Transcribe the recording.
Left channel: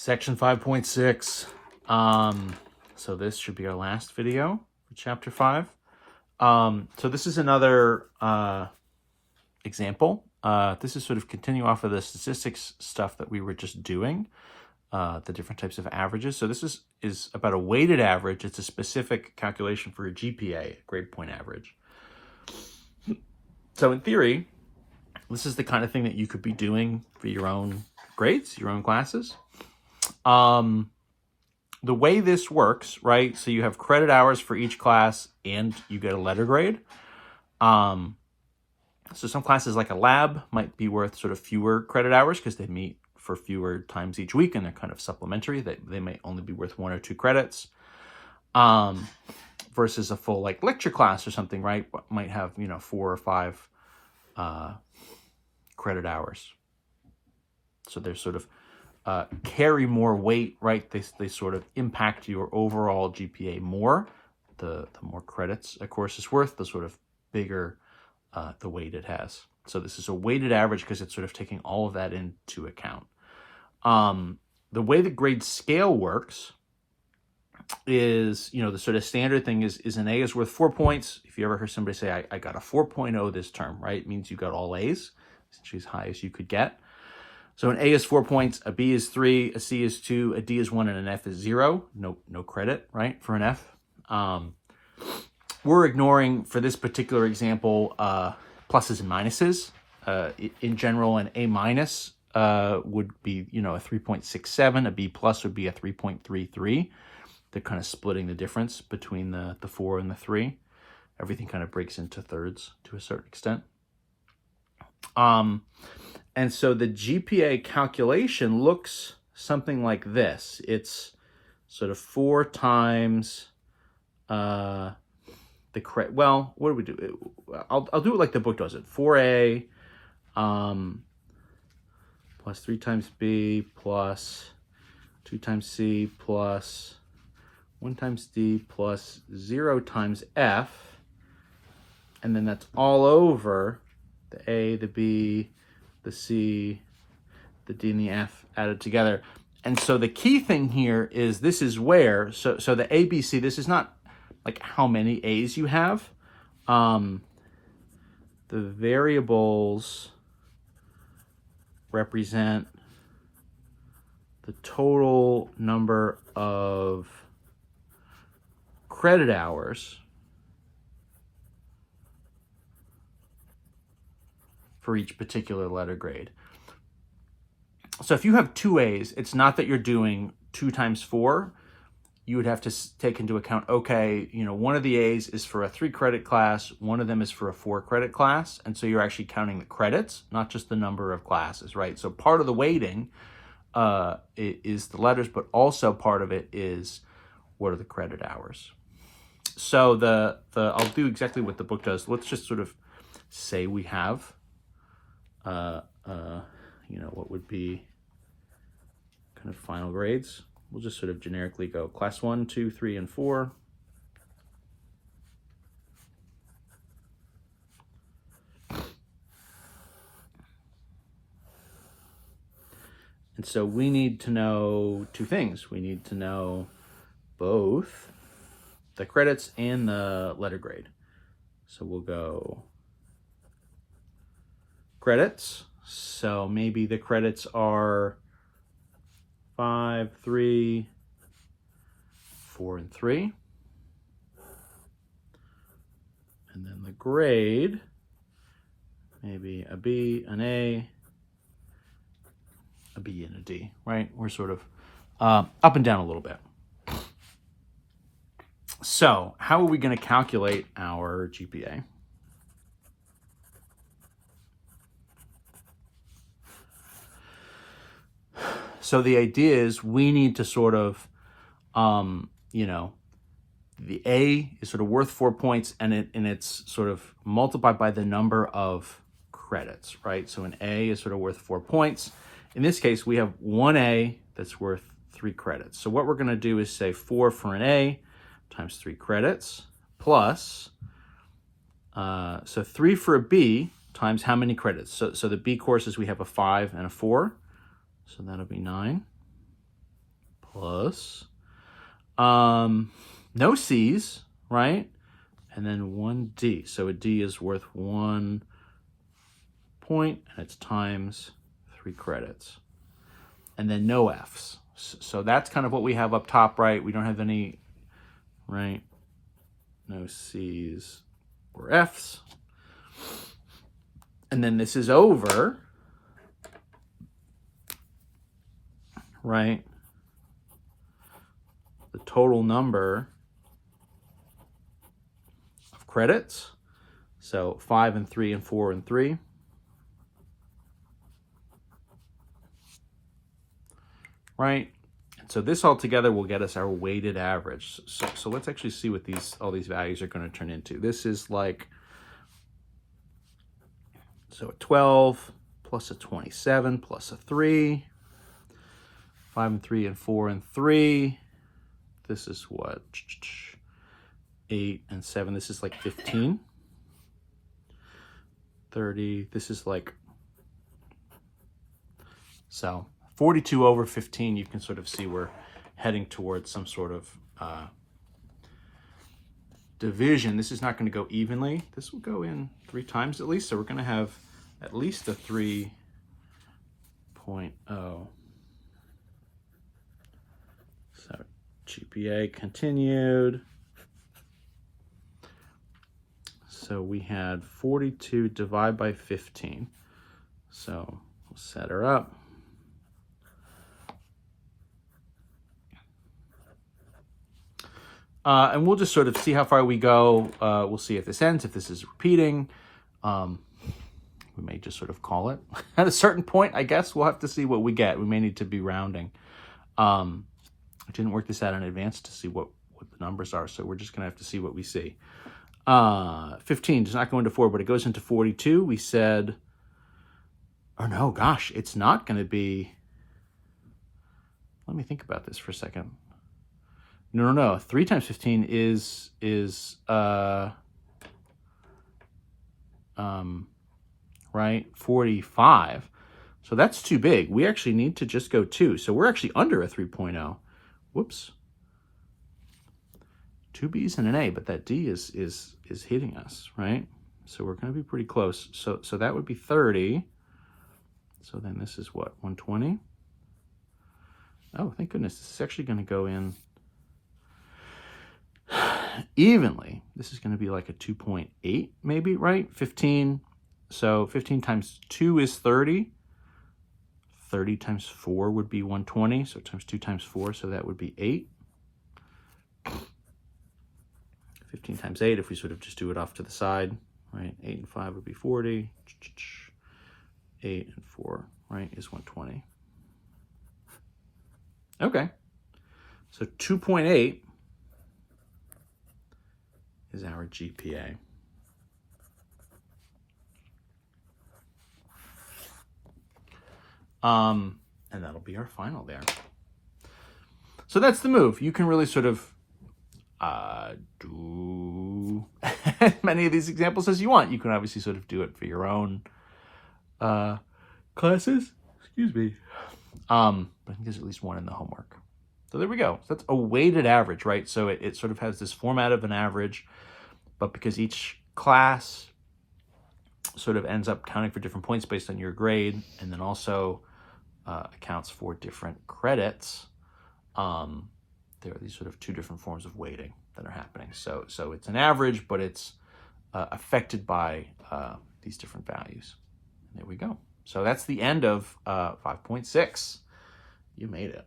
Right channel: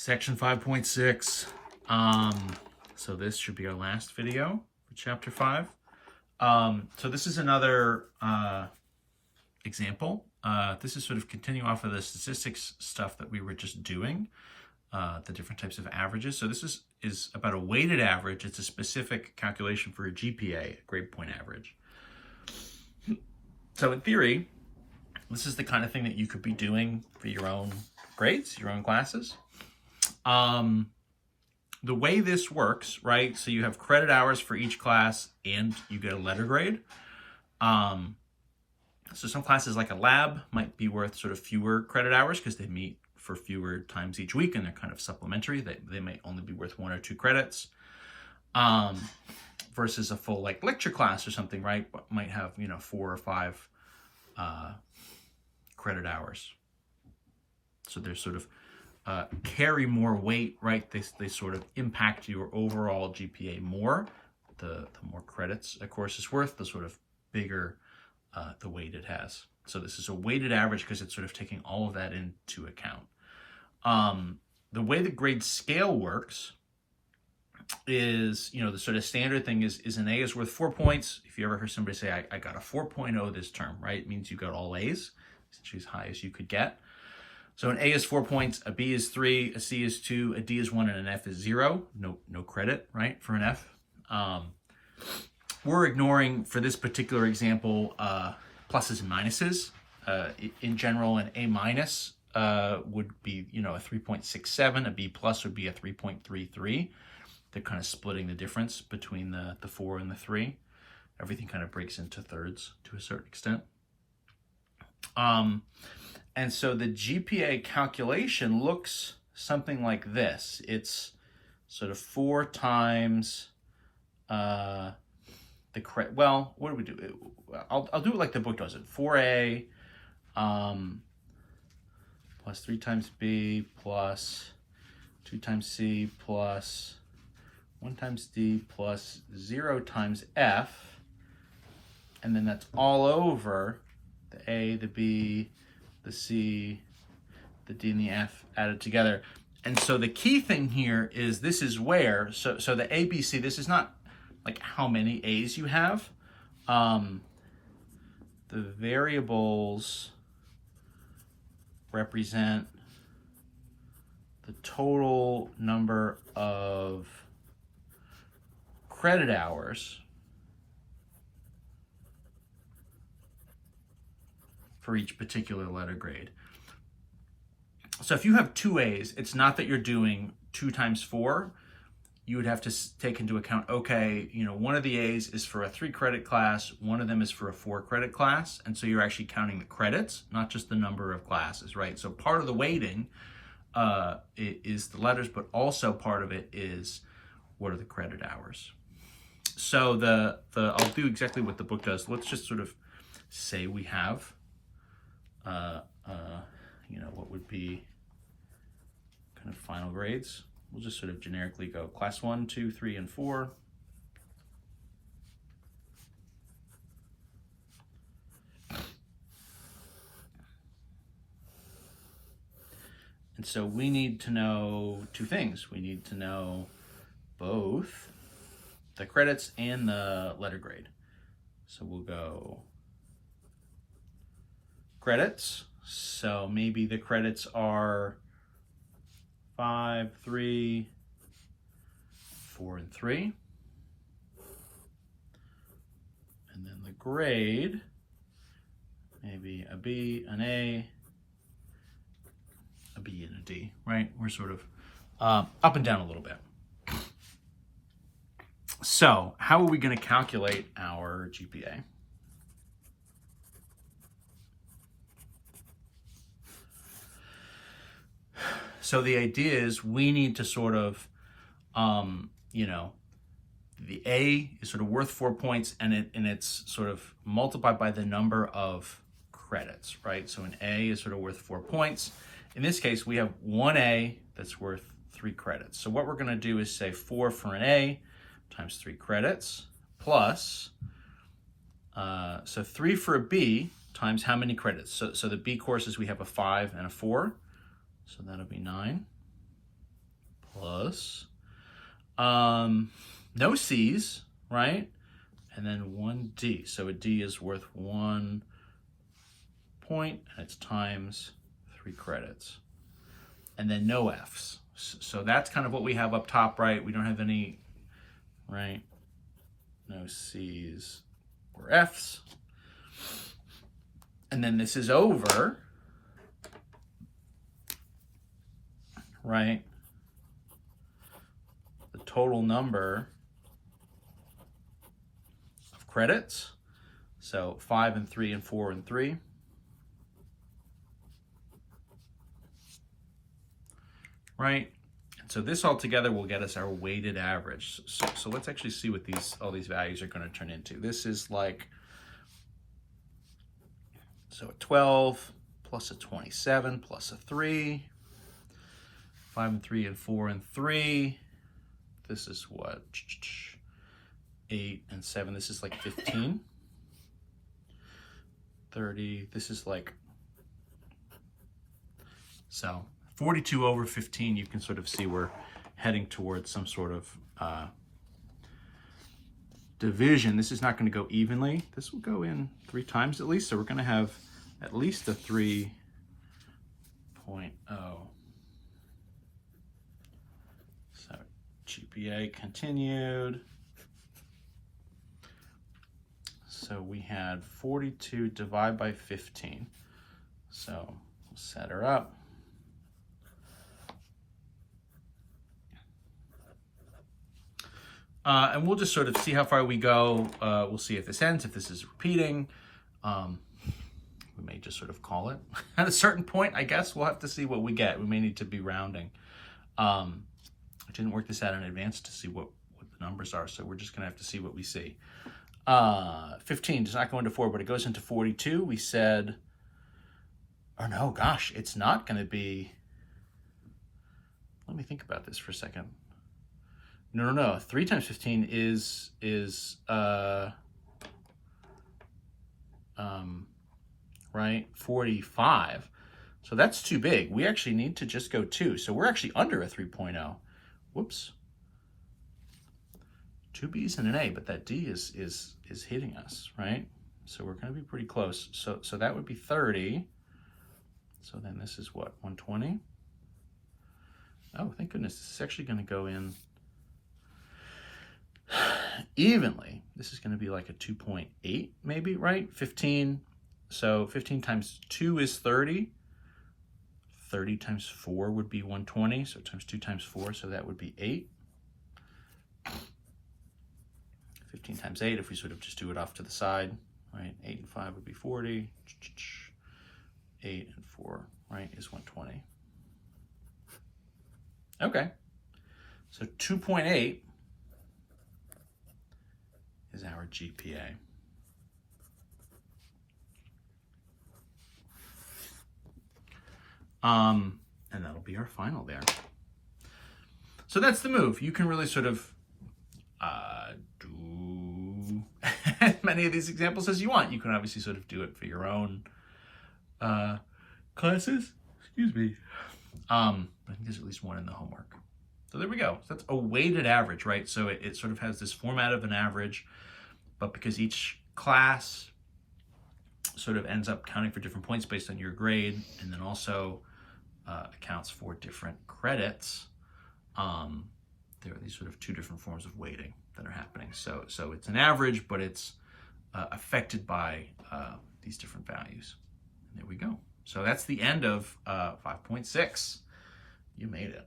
Section 5.6. So this should be our last video for chapter 5. So this is another example. This is sort of continue off of the statistics stuff that we were just doing, the different types of averages. So this is about a weighted average. It's a specific calculation for a GPA, grade point average. So in theory, this is the kind of thing that you could be doing for your own grades, your own classes. The way this works, right? So you have credit hours for each class and you get a letter grade. So some classes like a lab might be worth sort of fewer credit hours because they meet for fewer times each week and they're kind of supplementary. They might only be worth 1 or 2 credits. Versus a full like lecture class or something, right? Might have, 4 or 5 credit hours. So they're sort of carry more weight, right? They sort of impact your overall GPA more. The more credits a course is worth, the sort of bigger the weight it has. So this is a weighted average because it's sort of taking all of that into account. The way the grade scale works is, the sort of standard thing is an A is worth 4 points. If you ever hear somebody say, I got a 4.0 this term, right? It means you got all A's, essentially as high as you could get. So an A is 4 points, a B is 3, a C is 2, a D is 1, and an F is 0. No credit, right, for an F. We're ignoring, for this particular example, pluses and minuses. In general, an A minus would be, a 3.67. A B plus would be a 3.33. They're kind of splitting the difference between the 4 and the 3. Everything kind of breaks into thirds to a certain extent. And so the GPA calculation looks something like this. It's sort of 4 times the credit. Well, what do we do? I'll do it like the book does it. 4A plus 3 times B plus 2 times C plus 1 times D plus 0 times F. And then that's all over the A, the B, the C, the D, and the F added together. And so the key thing here is this is where, so the A, B, C, this is not like how many A's you have. The variables represent the total number of credit hours for each particular letter grade. So if you have 2 A's, it's not that you're doing 2 times 4. You would have to take into account, okay, one of the A's is for a 3 credit class, one of them is for a 4 credit class, and so you're actually counting the credits, not just the number of classes, right? So part of the weighting is the letters, but also part of it is what are the credit hours. So I'll do exactly what the book does. Let's just sort of say we have what would be kind of final grades. We'll just sort of generically go class 1, 2, 3, and 4. And so we need to know 2 things. We need to know both the credits and the letter grade. So we'll go credits. So maybe the credits are 5, 3, 4, and 3. And then the grade, maybe a B, an A, a B, and a D, right? We're sort of up and down a little bit. So how are we going to calculate our GPA? So the idea is we need to sort of, the A is sort of worth 4 points and it's sort of multiplied by the number of credits, right? So an A is sort of worth 4 points. In this case, we have 1 A that's worth 3 credits. So what we're going to do is say 4 for an A times 3 credits plus, so 3 for a B times how many credits? So the B courses, we have a 5 and a 4. So that'll be 9. plus no C's, right? And then 1 D. So a D is worth 1 point, and it's times 3 credits. And then no F's. So that's kind of what we have up top, right? We don't have any, right? No C's or F's. And then this is over, right? The total number of credits. So 5 and 3 and 4 and 3. Right? So this all together will get us our weighted average. So let's actually see what all these values are going to turn into. This is like, so a 12 plus a 27 plus a 3, 5 and 3 and 4 and 3. This is what? 8 and 7. This is like 15. 30. This is like, so 42 over 15, you can sort of see we're heading towards some sort of division. This is not going to go evenly. This will go in 3 times at least, so we're going to have at least a 3.0. So GPA continued. So we had 42 divided by 15. So we'll set her up. And we'll just sort of see how far we go. We'll see if this ends, if this is repeating. We may just sort of call it. At a certain point, I guess, we'll have to see what we get. We may need to be rounding. I didn't work this out in advance to see what the numbers are, so we're just going to have to see what we see. 15 does not go into 4, but it goes into 42. We said, or no, gosh, it's not going to be. Let me think about this for a second. No. 3 times 15 is right, 45. So that's too big. We actually need to just go 2. So we're actually under a 3.0. Whoops. 2 B's and an A, but that D is hitting us, right? So we're going to be pretty close. So that would be 30. So then this is what, 120? Oh, thank goodness. This is actually going to go in evenly. This is going to be like a 2.8 maybe, right? 15. So 15 times 2 is 30. 30 times 4 would be 120. So times 2 times 4, so that would be 8. 15 times 8, if we sort of just do it off to the side, right? 8 and 5 would be 40. 8 and 4, right, is 120. Okay. So 2.8 is our GPA. And that'll be our final there. So that's the move. You can really sort of do as many of these examples as you want. You can obviously sort of do it for your own classes. Excuse me. I think there's at least one in the homework. So there we go. So that's a weighted average, right? So it sort of has this format of an average, but because each class sort of ends up counting for different points based on your grade, and then also accounts for different credits, there are these sort of 2 different forms of weighting that are happening. So it's an average, but it's affected by these different values. And there we go. So that's the end of 5.6. You made it.